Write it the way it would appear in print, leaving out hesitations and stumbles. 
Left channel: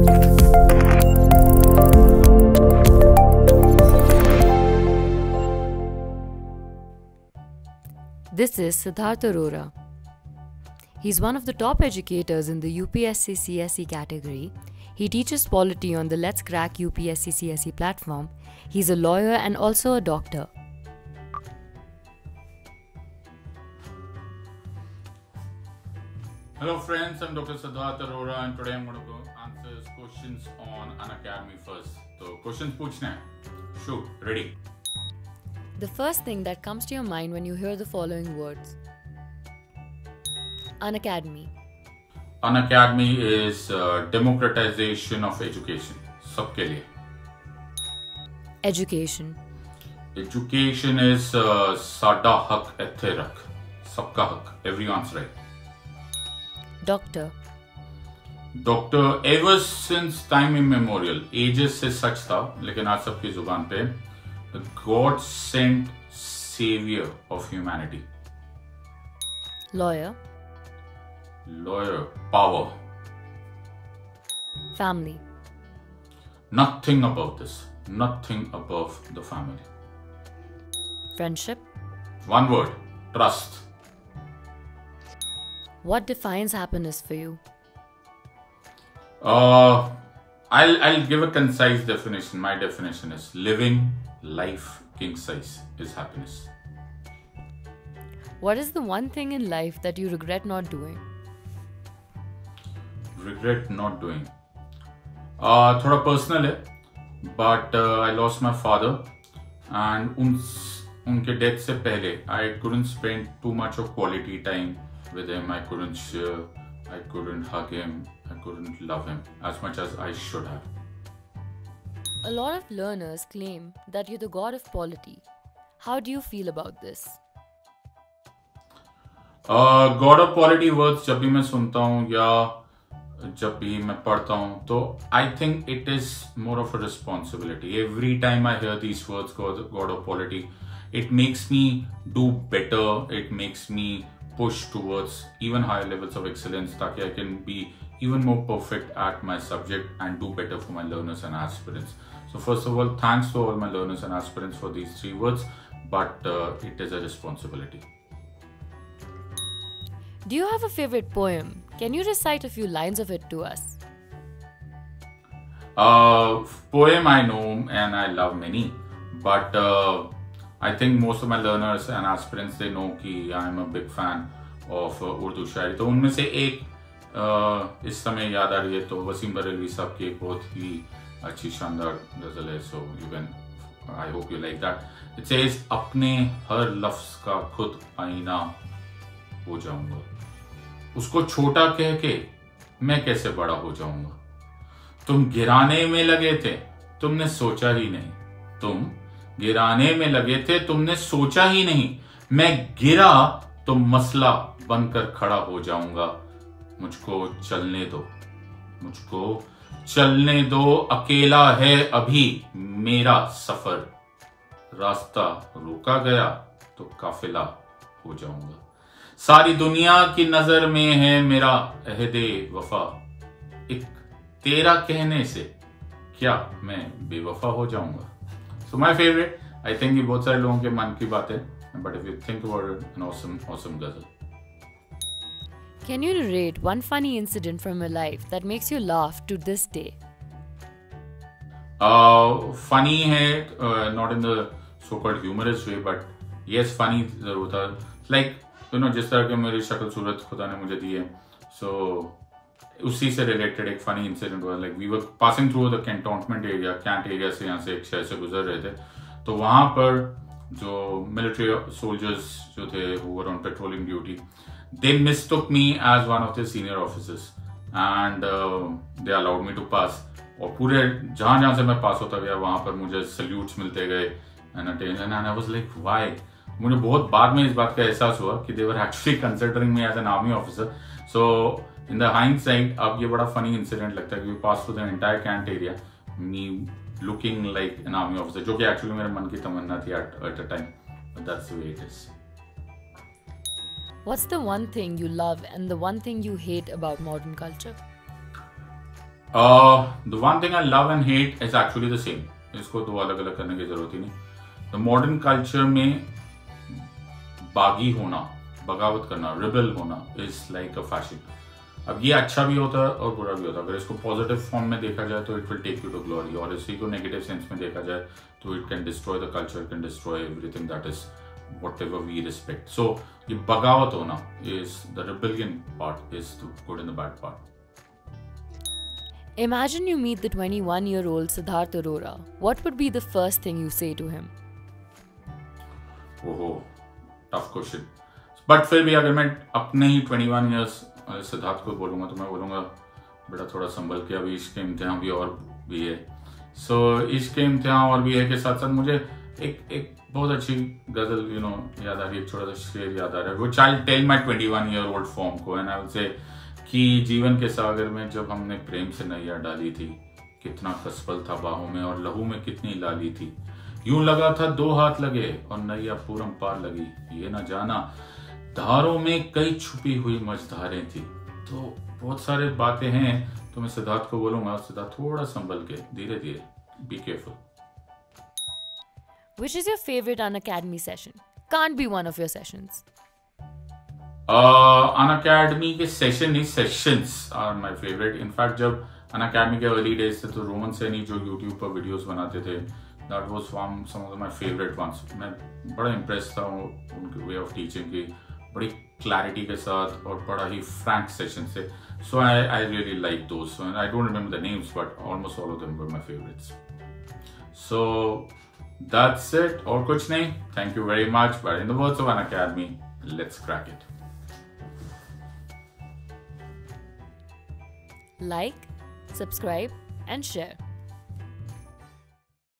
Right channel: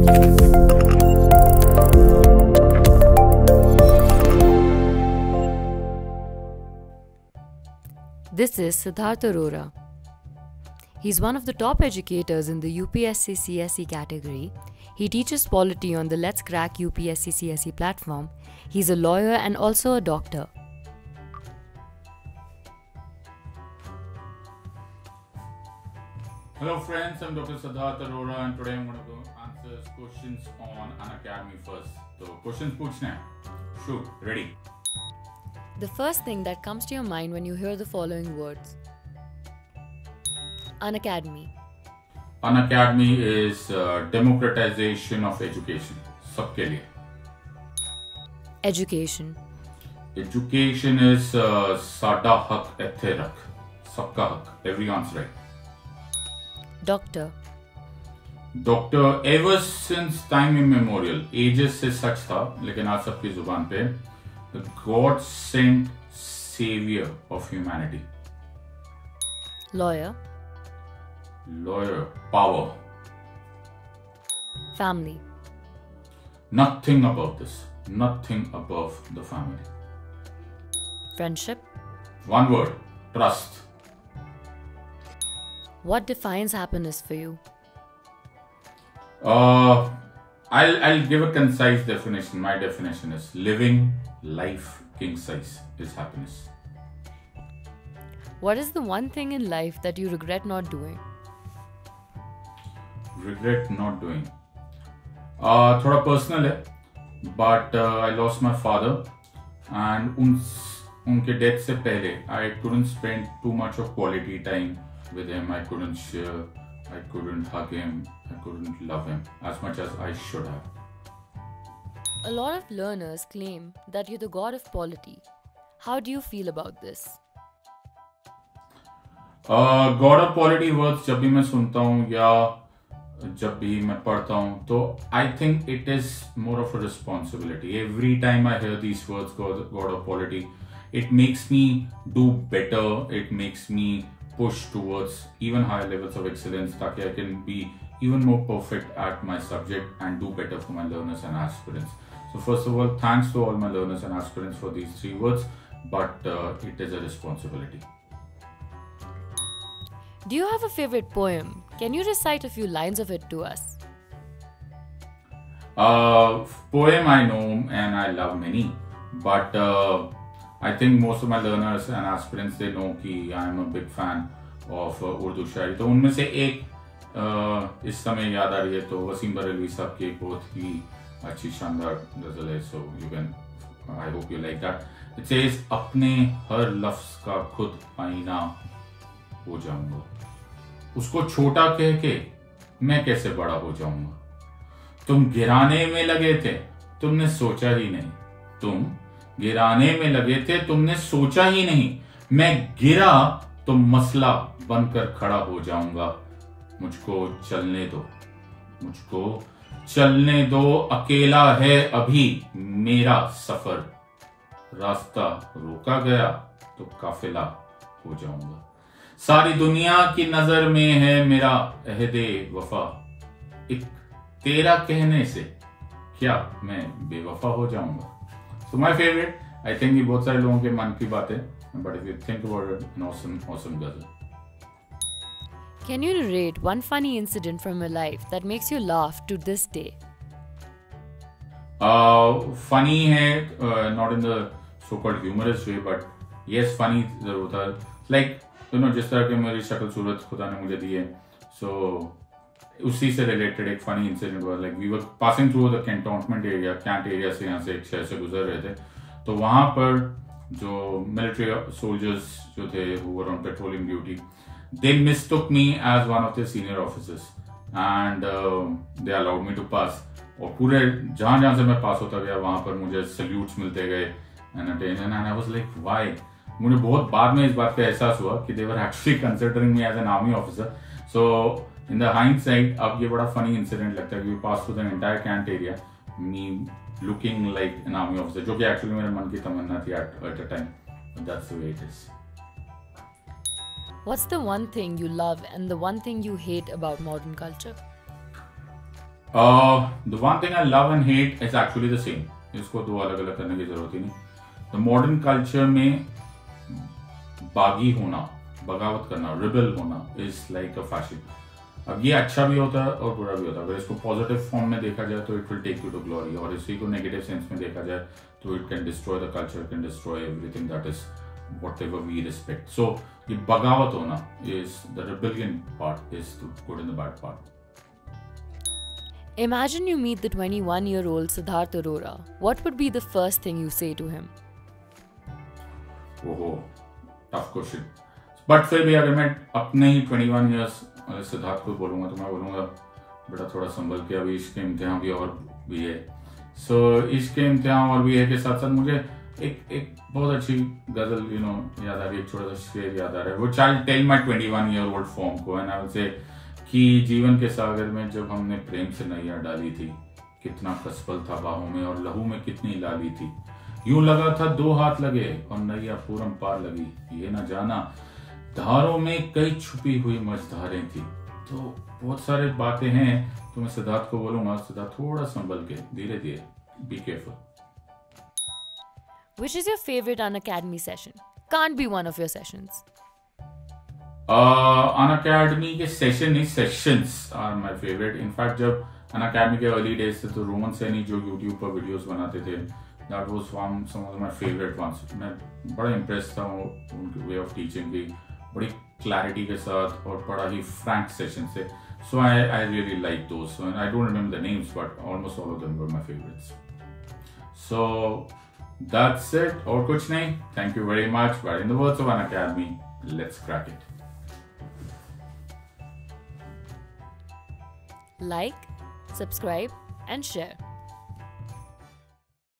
This is Siddharth Arora. He's one of the top educators in the UPSC CSE category. He teaches polity on the Let's Crack UPSC CSE platform. He's a lawyer and also a doctor. Hello friends, I'm Dr. Siddharth Arora and today I'm going to answer questions on Unacademy first. So questions पूछने हैं. Shoot, ready. The first thing that comes to your mind when you hear the following words. Unacademy. Unacademy is democratization of education. सबके लिए. Education. Education is साडा हक इत्थे रख. सबका हक. Everyone's right. Doctor. Doctor ever since time immemorial, ages से सच था, लेकिन आज सबकी जुबान पे the God sent savior of humanity. Lawyer. Lawyer, power. Family. Nothing about this. Nothing above the family. Friendship. One word, trust. What defines happiness for you? I'll give a concise definition. My definition is living life king size is happiness. What is the one thing in life that you regret not doing? Regret not doing. थोड़ा personal है, but I lost my father, and उनके death से पहले I couldn't spend too much of quality time with him. I couldn't share, I couldn't hug him, I couldn't love him as much as I should have. A lot of learners claim that you're the god of polity. How do you feel about this? God of polity words जब भी मैं सुनता हूँ या जब भी मैं पढ़ता हूँ तो I think it is more of a responsibility. Every time I hear these words, God of polity, it makes me do better. It makes me push towards even higher levels of excellence ताकि I can be even more perfect at my subject and do better for my learners and aspirants. So first of all, thanks to all my learners and aspirants for these 3 words, but it is a responsibility. Do you have a favorite poem? Can you recite a few lines of it to us? Poem I know and I love many, but I think most of my learners and aspirants, they know कि I am a big fan of Urdu शायरी. तो उनमें से एक इस समय याद आ रही है तो वसीम बरेलवी साहब की एक बहुत ही अच्छी शानदार गजल है. So you can, I hope you like that. It says अपने हर लफ्ज का खुद आईना हो जाऊंगा. उसको छोटा कह के मैं कैसे बड़ा हो जाऊंगा. तुम गिराने में लगे थे, तुमने सोचा ही नहीं. तुम गिराने में लगे थे, तुमने सोचा ही नहीं. मैं गिरा तो मसला बनकर खड़ा हो जाऊंगा. मुझको चलने दो, मुझको चलने दो. अकेला है अभी मेरा सफर. रास्ता रोका गया तो काफिला हो जाऊंगा. सारी दुनिया की नजर में है मेरा अहदे वफा. एक तेरा कहने से क्या मैं बेवफा हो जाऊंगा. So my favorite, I think ये बहुत सारे लोगों के मन की बात है, but if you think about it, an awesome ghazal. Can you narrate one funny incident from your life that makes you laugh to this day? Funny है, not in the so-called humorous way, but yes, funny जरूर था. Like जिस तरह के मेरी शक्ल सूरत खुदा ने मुझे दी है, so उसी से रिलेटेड एक फनी इंसिडेंट हुआ. Like we were passing through the cantonment area, cantt area से यहाँ से एक शहर से गुजर रहे थे. तो वहां पर जो मिलिट्री सोल्जर्स जो थे who were on patrolling duty, they mistook me as one of the senior officers and they allowed me to pass. और पूरे जहां जहां से मैं पास होता गया वहां पर मुझे सल्यूट्स मिलते गए and attention. And I was like why. मुझे बहुत बाद में इस बात का एहसास हुआ कि they were actually considering me as an army officer. So in the hindsight, अब ये बड़ा funny incident लगता है कि we passed through the entire Kant area, me looking like an army officer, जो कि actually मेरे मन की तमन्ना थी at a time, but that's the way it is. What's the one thing you love and the one thing you hate about modern culture? The one thing I love and hate is actually the same. इसको दो अलग अलग करने की जरूरत ही नहीं. The modern culture में बागी होना, बगावत करना, रिबल होना is like a fashion. अब ये अच्छा भी होता है और बुरा भी होता है. अगर इसको पॉजिटिव फॉर्म में देखा जाए तो it will take you to glory, और इसी को नेगेटिव सेंस में देखा जाए तो it can destroy the culture, can destroy everything that is whatever we respect. So ये बगावत होना is the rebellion part, is the good and the bad part. Imagine you meet the 21-year-old Siddharth Arora. What would be the first thing you say to him? ओहो, tough question. But फिर भी अगर मैं अपने ही 21 years सिद्धार्थ को बोलूंगा तो मैं बोलूंगा बेटा थोड़ा संभल के, अभी इश्क के इम्तिहान भी और भी है. सो इश्क के इम्तिहान और भी है के साथ साथ मुझे एक बहुत अच्छी गजल याद आ रही है, एक छोटा सा शेर याद आ रहा है. वो child tell my 21-year-old form को, एंड आई विल से कि जीवन के सागर में जब हमने प्रेम से नैया डाली थी, कितना कसपल था बाहों में और लहू में कितनी लाली थी. यूं लगा था 2 हाथ लगे और नैया पूरम पार लगी, ये ना जाना धारों में कई छुपी हुई मझधारें थी. तो बहुत सारे बातें हैं. तो मैं सिद्धार्थ को बोलूंगा, सिद्धार्थ थोड़ा संभल के, धीरे धीरे, be careful. Which is your favorite Unacademy session? Can't be one of your sessions. Unacademy के सेशन नहीं, sessions are my favourite. In fact जब Unacademy के अर्ली डेज थे तो रोमन सैनी जो यूट्यूब पर वीडियोस बनाते थे, that was some of my favourite ones. मैं बड़ा इम्प्रेस था उनके वे ऑफ टीचिंग की, बड़ी क्लैरिटी के साथ और बड़ा ही फ्रैंक सेशन से. So I really like those. I don't remember the names but almost all of them were my favourites. So that's it. और कुछ नहीं. Thank you very much. But in the words of Unacademy, let's crack it. Like, subscribe, and share.